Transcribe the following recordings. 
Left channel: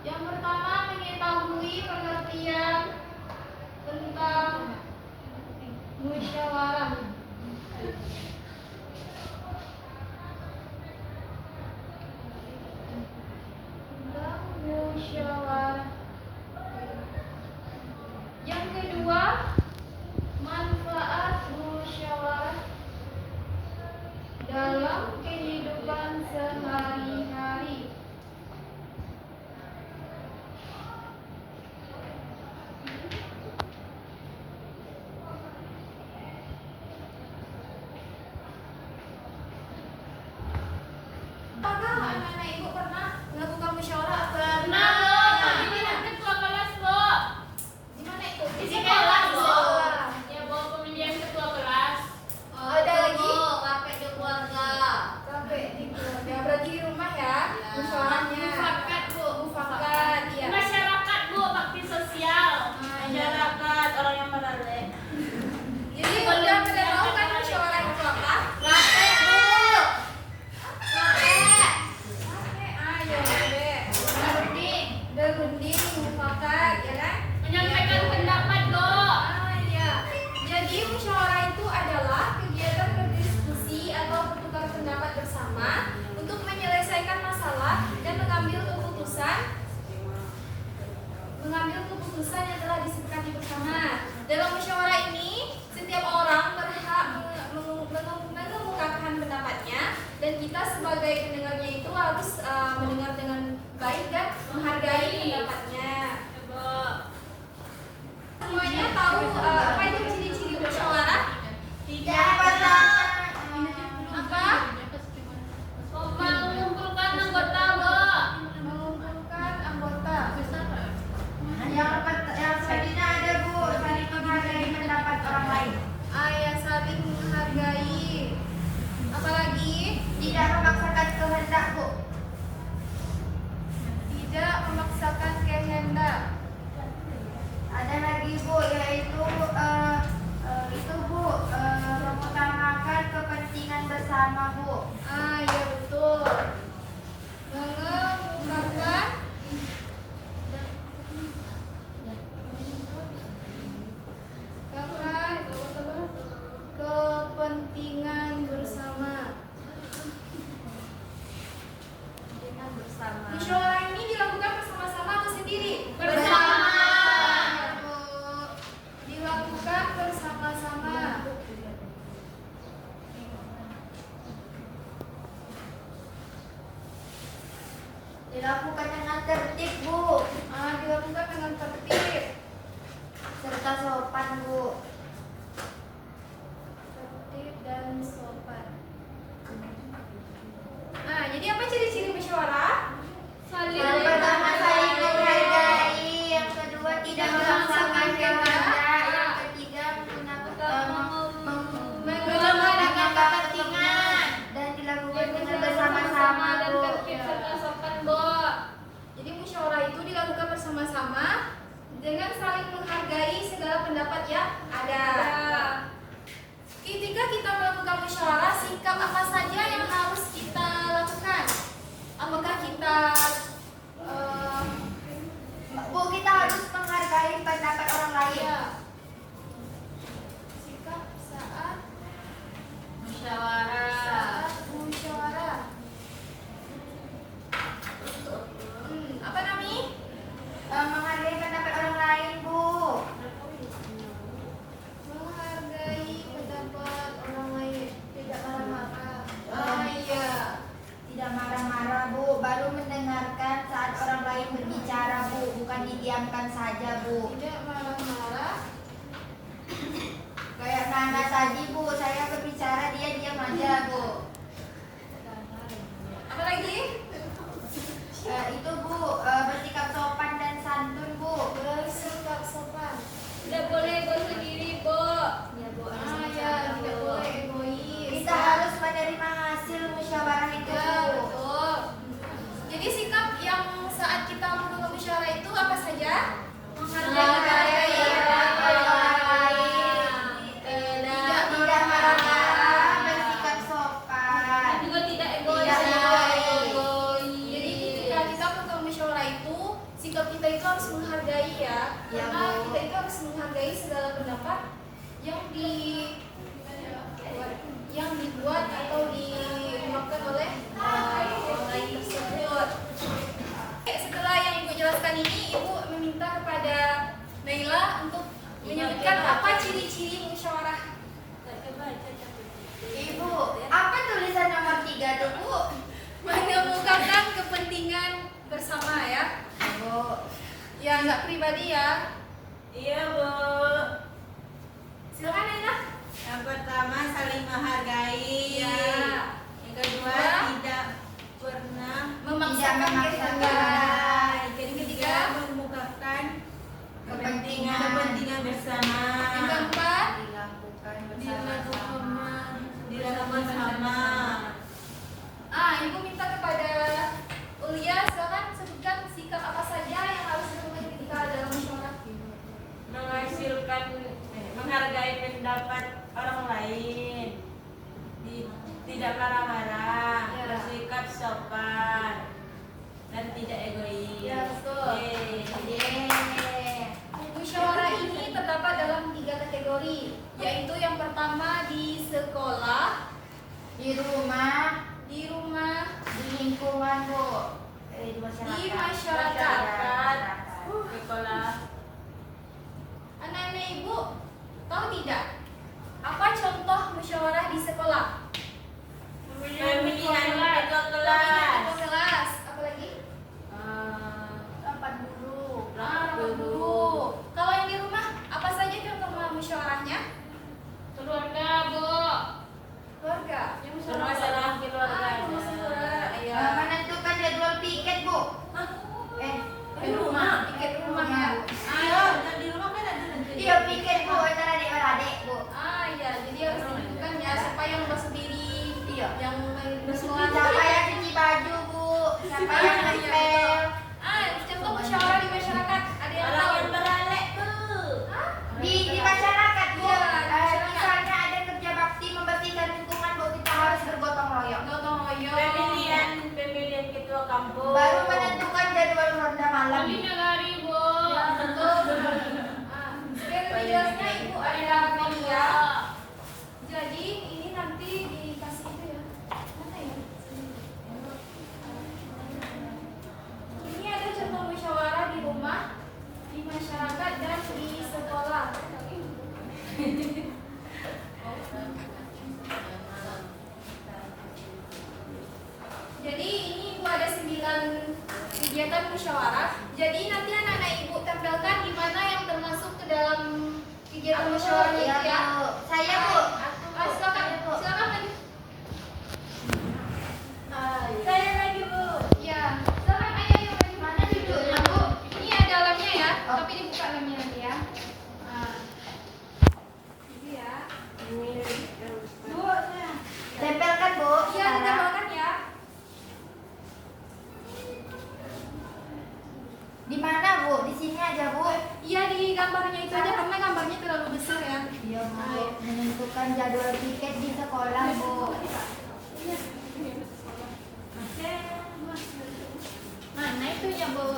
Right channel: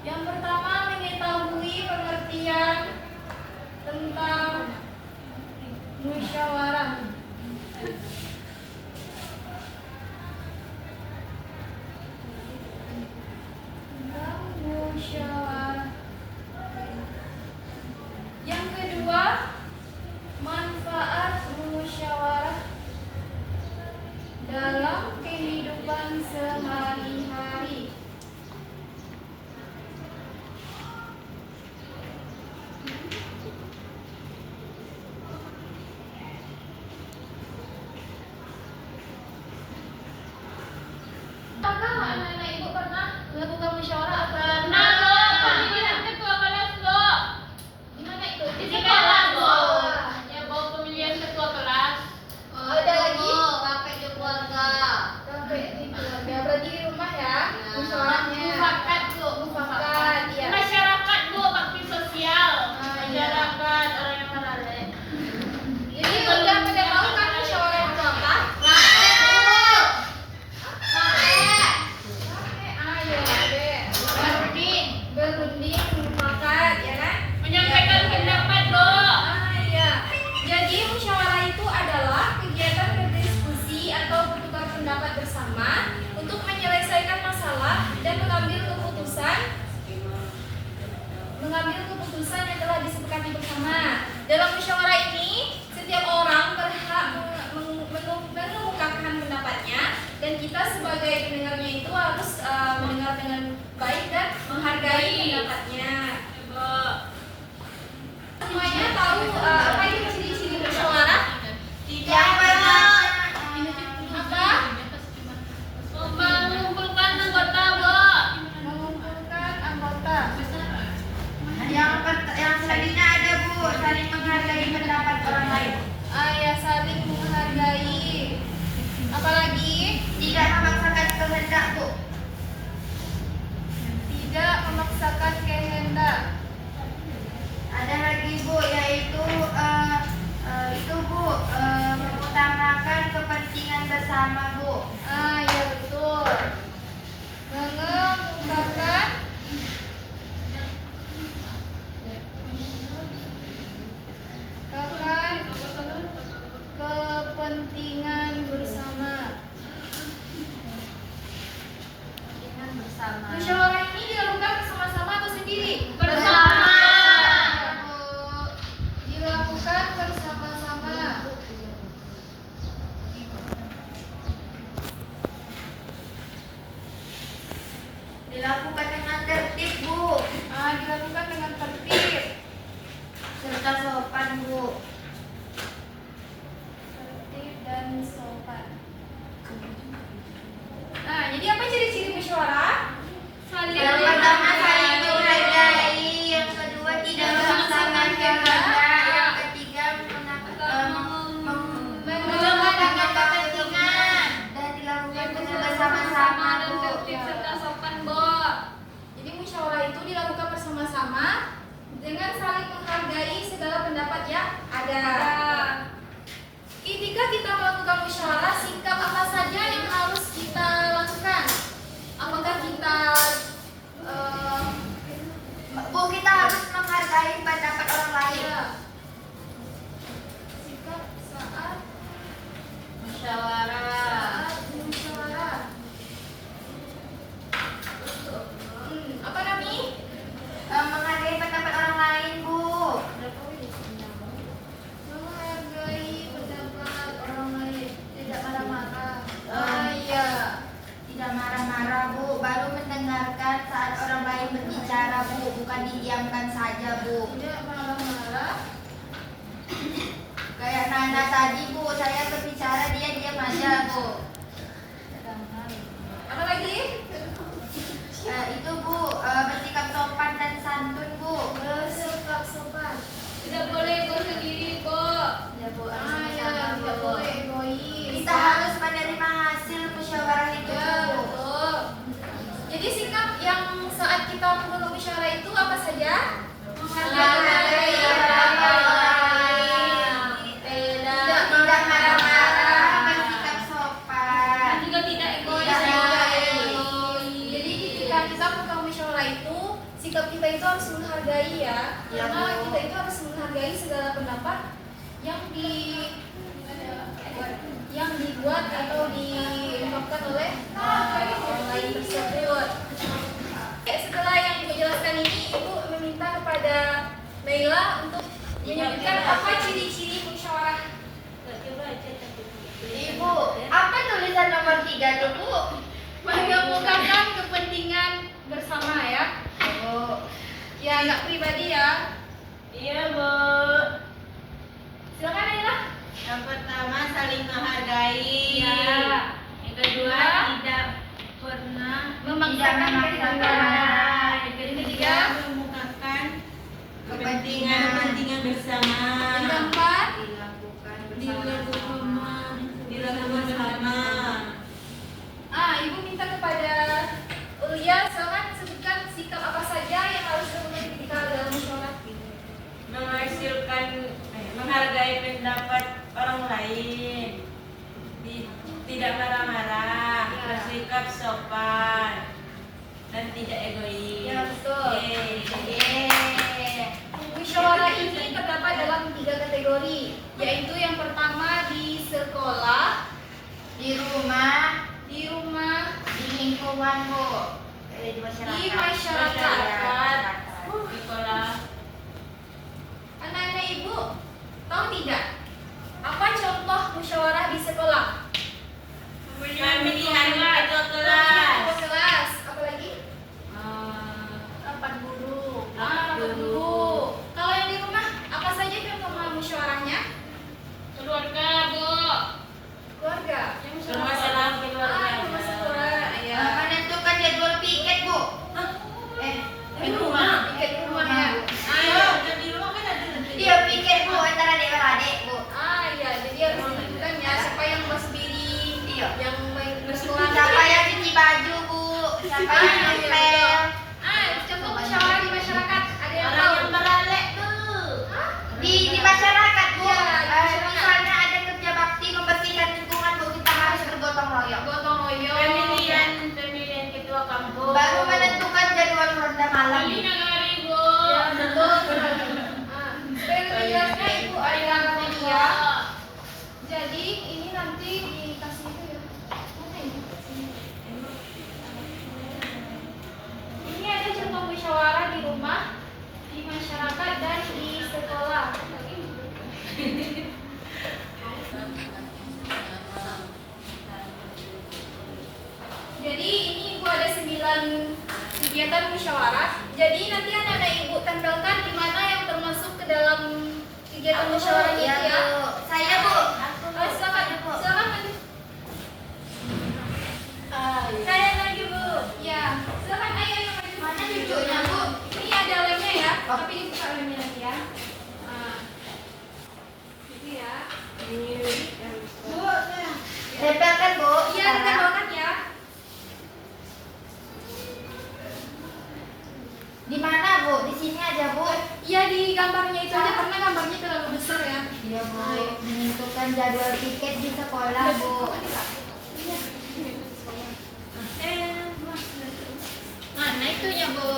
Yang pertama, mengetahui pengertian tentang musyawarah. Tentang musyawarah. Yang kedua, manfaat musyawarah dalam kehidupan sehari-hari. Apakah anak-anak ibu pernah melakukan musyawarah atau Pernah, Lo. Ini kan ketua kelas, Lo. di mana itu? Di sekolah sekolah, Lo. musyawarah. Ya, bawa pemilihan ketua kelas. Oh, ada lagi? Pakai di keluarga. Sampai di keluarga. Berarti di rumah ya? Musyawarahnya. Mufakat, Bu. Mufakat, iya. Masyarakat, Bu. Bakti sosial. Ah, iya. Masyarakat, orang yang melalui. Jadi udah pada tahu kan musyawarah itu apa? Praktek, Bu. Ayo, Berunding. berunding, mufakat, ya kan? Menyampaikan Iya. pendapat, Bu. Iya. Jadi musyawarah itu adalah kegiatan berdiskusi atau bertukar pendapat bersama untuk menyelesaikan masalah dan mengambil keputusan yang telah disepakati bersama. Dalam musyawarah ini, setiap orang berhak mengemukakan pendapatnya, dan kita sebagai pendengarnya itu harus mendengar dengan baik dan menghargai pendapatnya. Bu. Semuanya tahu apa itu ciri-ciri musyawarah? Yang pertama, Apa? Mengumpulkan anggota, Bu. Mengumpulkan anggota. yang selanjutnya ada Bu, saling menghargai pendapat orang lain. Ya, saling menghargai. Apalagi Tidak memaksakan kehendak Bu. tidak memaksakan kehendak. Ada lagi Bu, yaitu Ada. Ketika kita melakukan musyawarah, sikap apa saja yang harus kita lakukan? Apakah kita Bu, kita harus menghargai pendapat orang lain. ya, sikap saat Musyawarah. musyawarah? Apa namanya? Menghargai pendapat orang lain, Bu. Menghargai pendapat orang lain, tidak marah-marah. Iya. Tidak marah-marah, Bu. Baru mendengarkan saat orang lain berbicara, Bu. Bukan didiamkan saja, Bu. Tidak marah-marah. Kayak Nana tadi, Bu. Saya berbicara, dia diam aja, Bu. Apa lagi? Itu, Bu. Bersikap sopan dan santun, Bu. Bersikap sopan. Tidak boleh berdiri, Bu. Ya, Bu. Ya, tidak boleh egois. Kita harus menerima hasil musyawarah itu, Ya, Bu. betul. Jadi sikap yang saat kita melakukan musyawarah itu apa saja? Menghargai pendapat orang lain. Tidak marah-marah, bersikap sopan. Dan juga tidak egois. Tidak egois. Jadi ketika kita melakukan musyawarah itu, sikap kita itu harus menghargai ya. Ya, Karena Bu. kita itu harus menghargai segala pendapat yang dibuat atau diungkapkan oleh orang lain tersebut. Setelah yang Ibu jelaskan ini, Ibu meminta kepada Naila untuk menyebutkan apa ciri-ciri musyawarah. Ibu, apa tulisan nomor 3 tuh, Bu? Mengemukakan kepentingan bersama ya. Bu. Ya nggak pribadi ya. Iya, Bu. Silakan Naila. Yang pertama saling menghargai. Ya. Yang kedua Ya. tidak pernah Memaksakan memaksakan. kehendak. Yang ketiga memukakan kepentingan bersama. Yang keempat, Dilakukan Dilakukan bersama. Ibu minta kepada Ulia, silakan sebutkan sikap apa saja yang harus dilakukan ketika dalam musyawarah. Menghargai pendapat orang lain. Tidak marah-marah, Ya. bersikap sopan dan tidak egois. Ya, betul. Yeay. Musyawarah ini terdapat dalam 3 kategori, yaitu yang pertama di sekolah, di rumah, di rumah, di lingkungan, Bu. Di masyarakat. Di masyarakat. Di sekolah. Anak-anak Ibu tahu tidak apa contoh musyawarah di sekolah? Pemilihan ketua Ketua kelas. kelas, apa lagi? Rapat guru. Rapat guru. Kalau yang di rumah, apa saja contoh musyawarahnya? Keluarga, Bu. Keluarga. Bermasalah keluarga. Bermasalah. Ya. Menentukan jadwal piket, Bu. Di rumah. Piket di rumah ya. Ayo, dan di rumah kan ada Iya, piket, Bu, antara adik-adik, Bu. Iya. Jadi harus ditentukan ya siapa yang basuh piring, Iya. yang main Siapa yang cuci baju, Bu? Siapa yang ngepel? Contoh musyawarah di masyarakat. Ada yang orang tahu? yang beralek tuh. Hah? Di masyarakat, Bu. Iya, di masyarakat. Misalnya ada kerja bakti membersihkan lingkungan, Bu, kita harus bergotong royong. Gotong royong. Pemilihan ketua kampus. Baru menentukan jadwal ronda malam. Ini nagari, Bu. Ya, betul. Supaya lebih jelasnya Ibu ada media. Jadi ini nanti dikasih itu ya. Mana ini? Ini ada contoh musyawarah di rumah, di masyarakat dan di sekolah. Jadi ini Ibu ada 9 kegiatan musyawarah. Jadi nanti anak-anak Ibu tempelkan di mana yang termasuk ke dalam kegiatan musyawarah itu ya. Bu. Saya, Bu. Silakan, silakan lanjut. Saya lagi, Bu. Ya, silakan ayo Mana cucunya, Bu? Ini ada lemnya ya, Oh. tapi dibuka lemnya nanti ya. Itu ya. Bu, tempelkan, Bu. Iya, ditembakkan ya. Di mana, Bu? Di sini aja, Bu. Iya di gambarnya itu aja karena gambarnya terlalu besar ya. Ya Bu, menentukan jadwal piket di sekolah Bu. Mana itunya Bu?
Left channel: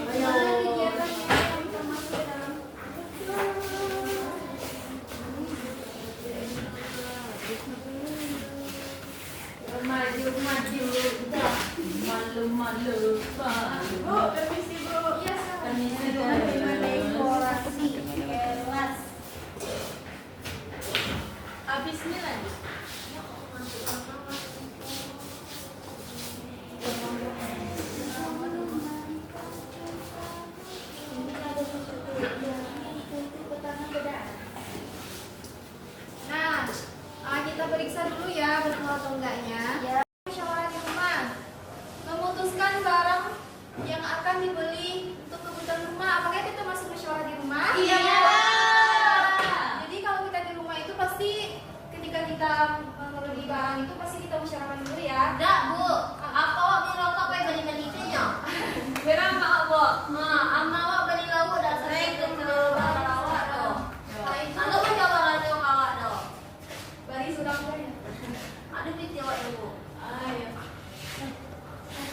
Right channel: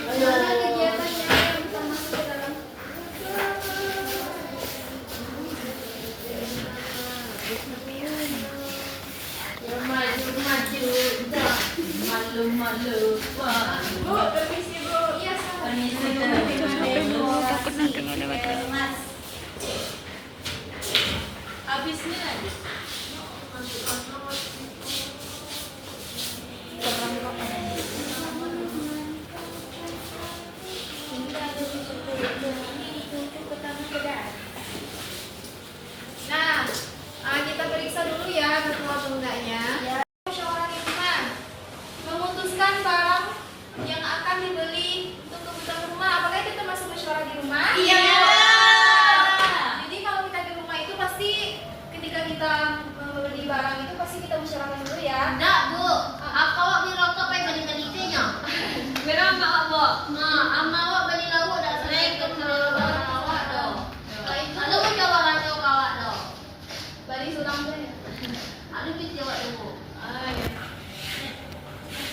Mana kegiatannya yang kita masuk ke dalam? Malu-malu. Bu, permisi Bu. Iya, salah. Habisnya lagi. Nah, kita periksa dulu ya betul atau enggaknya. Musyawarah di rumah memutuskan barang yang akan dibeli untuk kebutuhan rumah. Apakah itu termasuk musyawarah di rumah? Iya. Jadi kalau kita di rumah itu pasti ketika kita membeli barang itu pasti kita musyawarahkan dulu ya. Enggak, Bu. Aku awak beli rokok pakai beli-beli kitanya. Berapa awak? Ma, awak beli lauk dah sering ke awak dah. Kalau itu Ada pun coba kacau awak dah. balik sulam saja. Ada pintu awak dulu.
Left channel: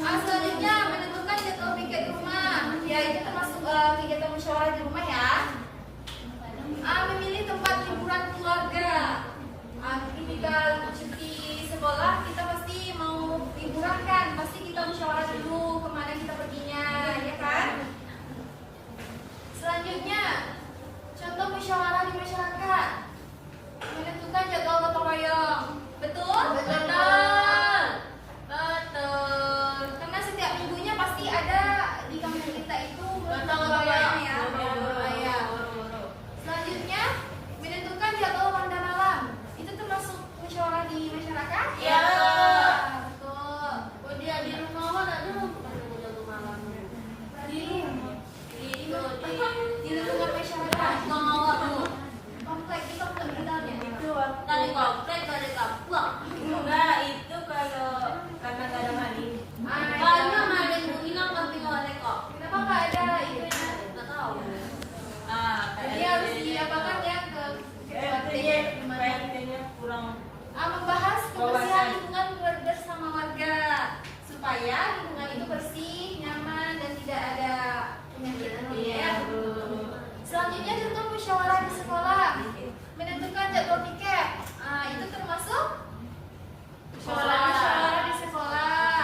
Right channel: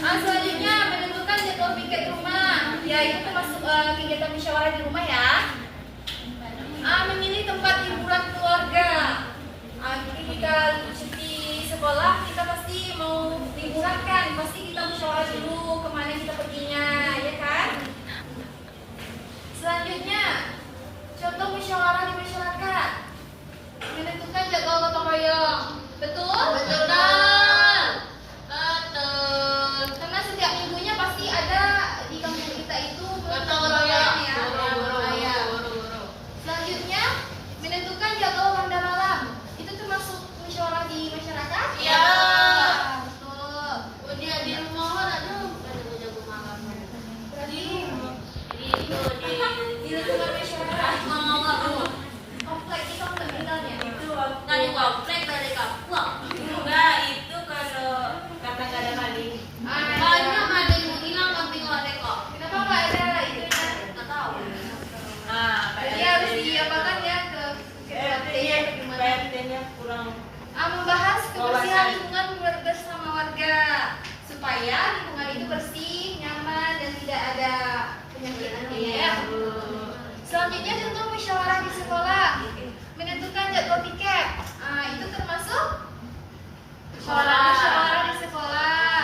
Selanjutnya menentukan jadwal piket rumah. Ya itu termasuk kegiatan musyawarah di rumah ya. Memilih tempat hiburan keluarga. Ketika cuti sekolah kita pasti mau liburan kan, pasti kita musyawarah dulu kemana kita perginya, ya kan? Selanjutnya contoh musyawarah di masyarakat. Menentukan jadwal gotong royong. Betul? Betul. Karena setiap minggunya pasti ada di kampung kita itu Gotong royong. ya. Ya. Selanjutnya menentukan jadwal ronda malam. Itu termasuk musyawarah di masyarakat? Iya. Betul. Oh, dia di rumah awak tak ada. Ada jaga malam. Berarti Itu di lingkungan masyarakat. rumah awak, Bu. Komplek itu komplek kita ya. Itu Dari komplek, dari kampung. enggak, itu kalau karena nggak ada kali. Banyak ada yang hilang kambing awak tengok. Kenapa nggak ada itu ya? Nggak tahu. Jadi harus diapakan ya ke PRT-nya atau gimana? PRT-nya kurang. Membahas kebersihan Wawasan. lingkungan bersama warga supaya lingkungan itu bersih, nyaman dan tidak ada penyakit ya. Selanjutnya tentu musyawarah di sekolah menentukan jadwal piket. Itu termasuk musyawarah di sekolah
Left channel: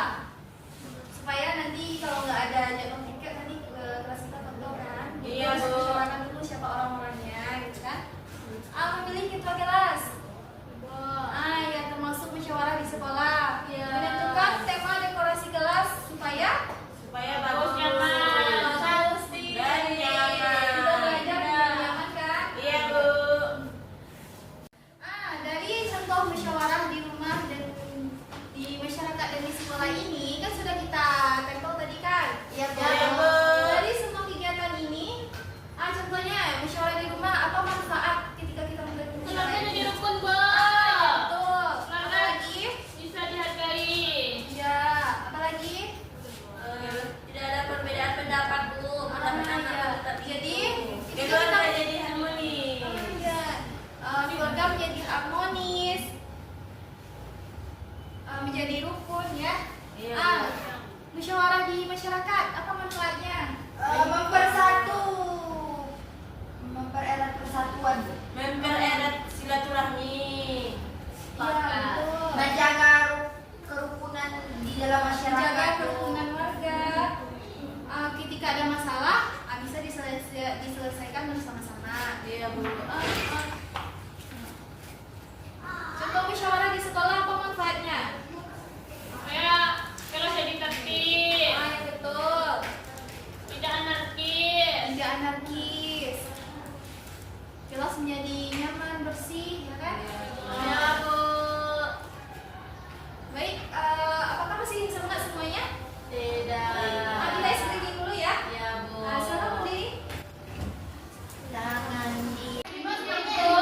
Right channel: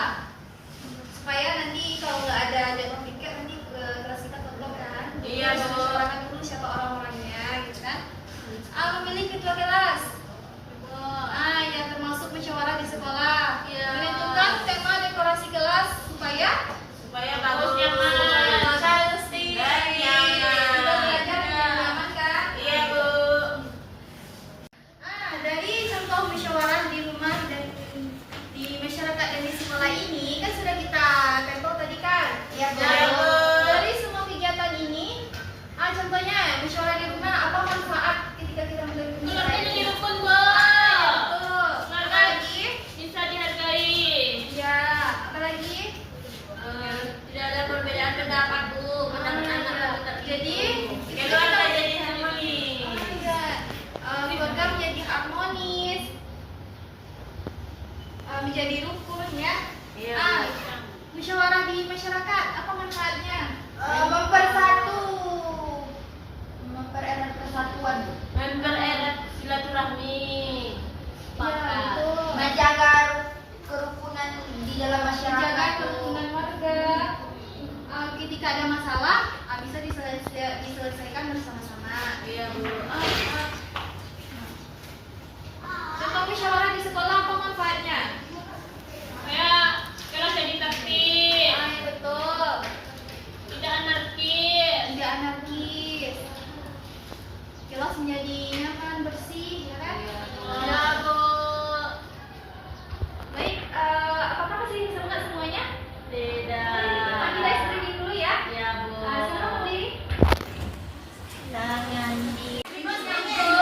supaya nanti kalau nggak ada jadwal piket nanti kelas kita kotor kan. Iya, Harus Bu. musyawarahkan dulu siapa orang-orangnya gitu kan. Memilih ketua kelas. Ya termasuk musyawarah di sekolah. Iya. Menentukan tema dekorasi kelas supaya bagus nyaman. pasti Iya. kita belajar dengan nyaman kan. Iya, Bu. Dari contoh musyawarah di rumah dan di masyarakat dan di sekolah ini kan sudah kita tempel tadi kan. Ya Bu. Iya, Bu. Dari semua kegiatan ini, contohnya musyawarah di rumah apa manfaat ketika kita melakukan Keluarga jadi rukun, Bu. Betul. Keluarga Apalagi? bisa dihargai. Ya, apalagi? Tidak ada perbedaan pendapat, Bu. Anak-anak tetap Jadi itu Keluarga kita jadi harmoni. keluarga menjadi harmonis, menjadi rukun ya. Iya, Ah, Bu. musyawarah di masyarakat apa manfaatnya? Mempersatu, mempererat persatuan, Mempererat silaturahmi. Ya, betul. menjaga kerukunan di dalam masyarakat. Menjaga kerukunan warga. Ketika ada masalah, bisa diselesaikan bersama-sama. Iya, Bu. Contoh musyawarah di sekolah apa manfaatnya? Kayak kelas jadi tertib, Ya, betul. tidak anarkis. Tidak anarkis. Kelas menjadi nyaman, bersih, ya kan? Ya, Bu. Baik, apakah masih semangat semuanya? Tidak. Kita screening dulu ya. Ya, Bu. Silakan berdiri. Jangan di Terima kasih.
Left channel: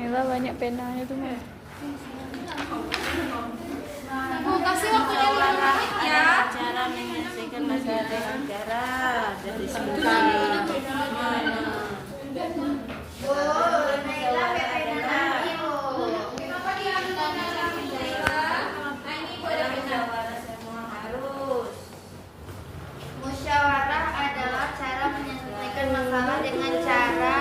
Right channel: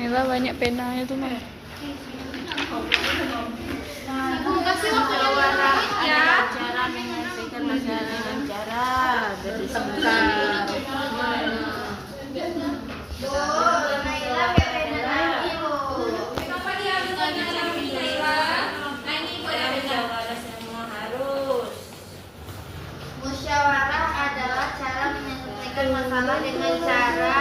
Naila banyak penanya tuh mah. Ibu kasih waktunya Musyawarah ya. adalah cara menyelesaikan masalah dengan cara berdiskusi. Bu, Naila pepena lagi bu. Kenapa dia bukan lagi Naila? Nah ini ibu ada benar. Musyawarah semua harus. Musyawarah adalah cara menyelesaikan masalah dengan cara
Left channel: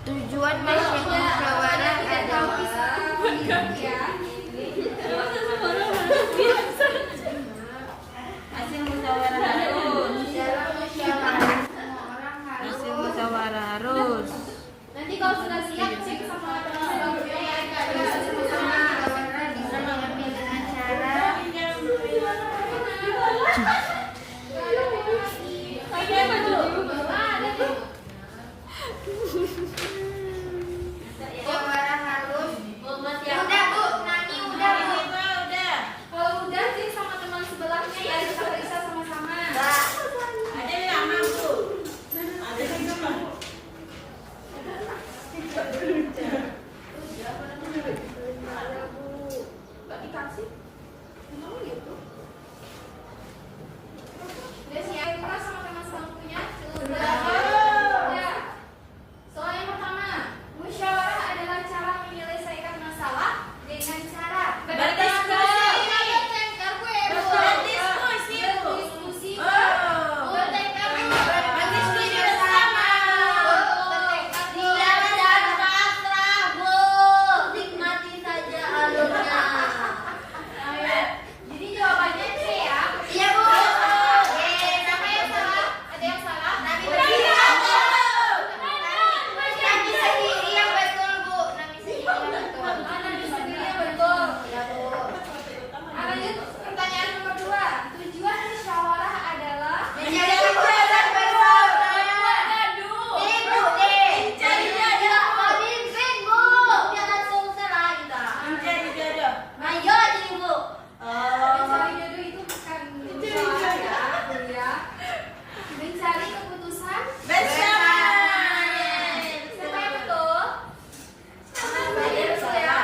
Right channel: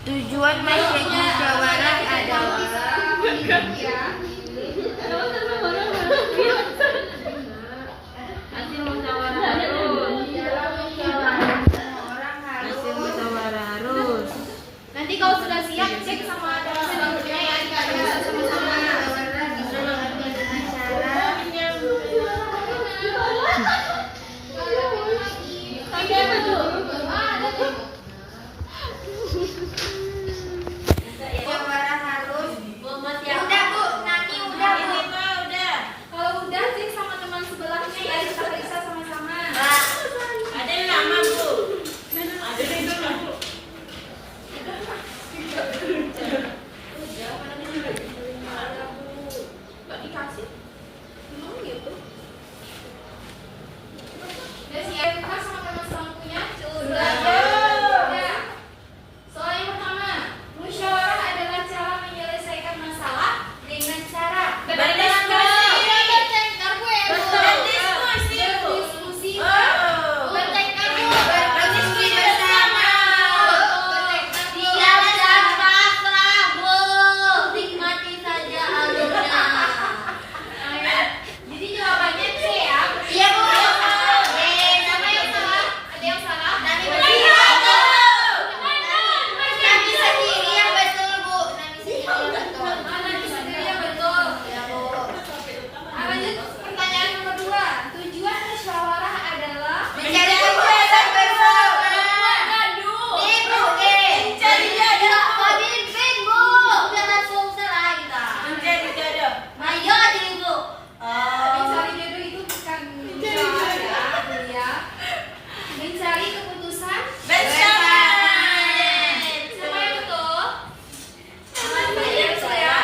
tujuan musyawarah adalah Ya. Hasil musyawarah harus. dalam musyawarah semua orang Hasil harus musyawarah harus. Nanti kalau sudah siap cek sama teman-temannya ya. sama musyawarah bisa diambil dengan cara musyawarah harus udah bu Nani udah bu Kalau udah sih sama teman sebelahnya ya bisa sama-sama. Ada lama bu. Ada lama bu. Nggak dikasih. Emang gitu. Udah siap buka sama teman sebelahnya? Sudah. Ya. Soal yang pertama, musyawarah adalah cara menyelesaikan masalah dengan cara berdiskusi. Berdiskusi. Jadi jawabannya C ya. iya bu Ada yang salah? Ada yang salah? Nani sendiri yang betul bu Nani sendiri yang betul Mana bisa dilihat betul. ya bu Lanjut pertanyaan nomor 2. Tujuan musyawarah adalah mencari keputusan bersama Aduh. ibu cari jodoh mobil pin bu jangan susah lah kita Mencari jodoh. mayo di bu Mencari jodoh itu bukan musyawarah ya, Bu ya. Mencari keputusan Bersama. Siapa yang betul? Saya betul ya.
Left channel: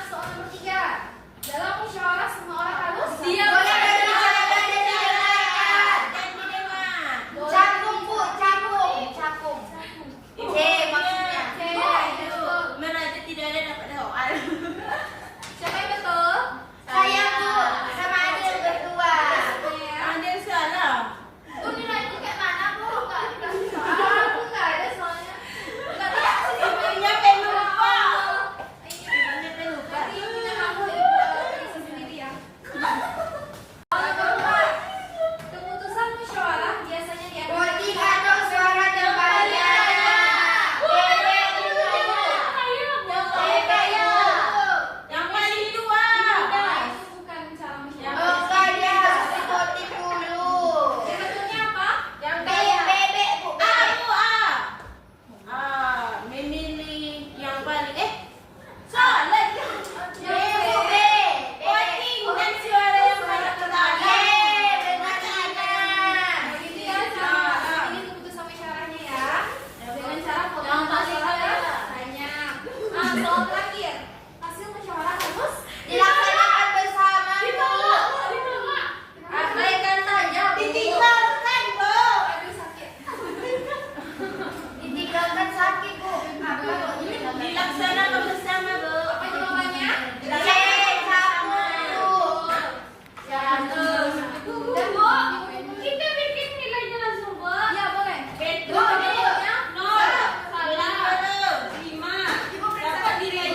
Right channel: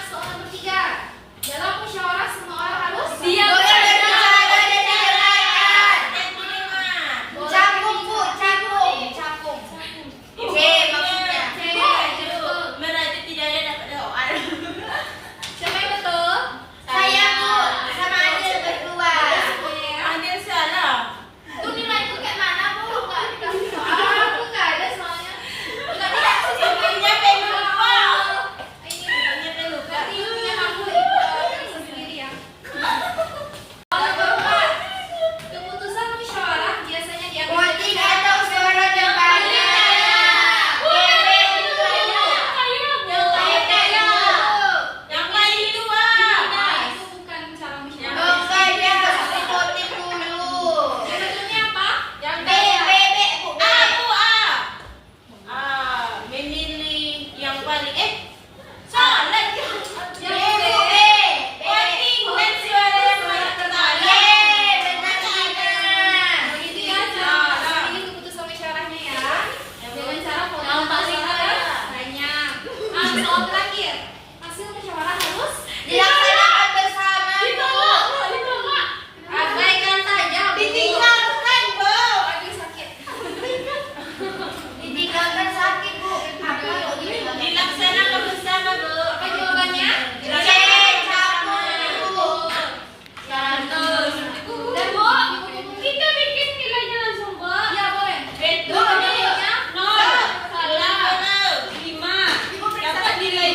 Soal nomor 3. Dalam musyawarah semua orang harus boleh berbicara dan didengarkan Dan terima. cakung bu cakung C maksudnya C, betul. Berarti tidak ada dapat doa. Siapa yang betul? saya bu sama Adil berdua Saya. Ada salah. Tuh nilai itu kayak mana bu? Nggak dikasih soal. Aku nggak ada soalnya. Nggak dikasih sama ibu. Sampai lupa. Ini Sampai lupa. berarti punya kamu ibu sendiri ya. Nomor 4. Keputusan musyawarah biasanya diambil voting atau suara yang banyak Yang lain itu Nah, itu bukan cara musyawarah. oh enggak dia harus di voting dulu Yang betulnya apa? Yang B B bu memilih yang paling salah dia. Yang B. Voting dan suara yang paling pertama. Begitu ya cara ini keputusan musyawarahnya ya. Dengan cara voting paling banyak. Soal terakhir. Hasil musyawarah harus dilaksanakan bersama abaikan saja. ditinggalkan bu Aduh sakit. ditinggalkan sakit bu apa kok ditinggalkan Dilaksanakan bersama bu. Apa jawabannya? C campur bu Dan Bu, kita bikin nilainya langsung, Bu. Iya, boleh. Betul. Nilainya 0. Salah. 5. Dapat nilai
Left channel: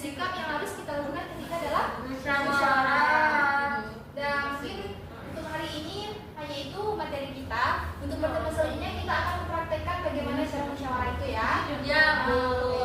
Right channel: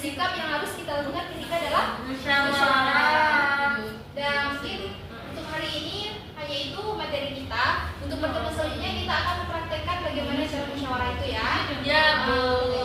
sikap yang harus kita lakukan ketika dalam Musyawarah. Dan mungkin untuk hari ini hanya itu materi kita. Untuk pertemuan selanjutnya kita akan mempraktekkan bagaimana cara musyawarah itu ya. Ya, Bu.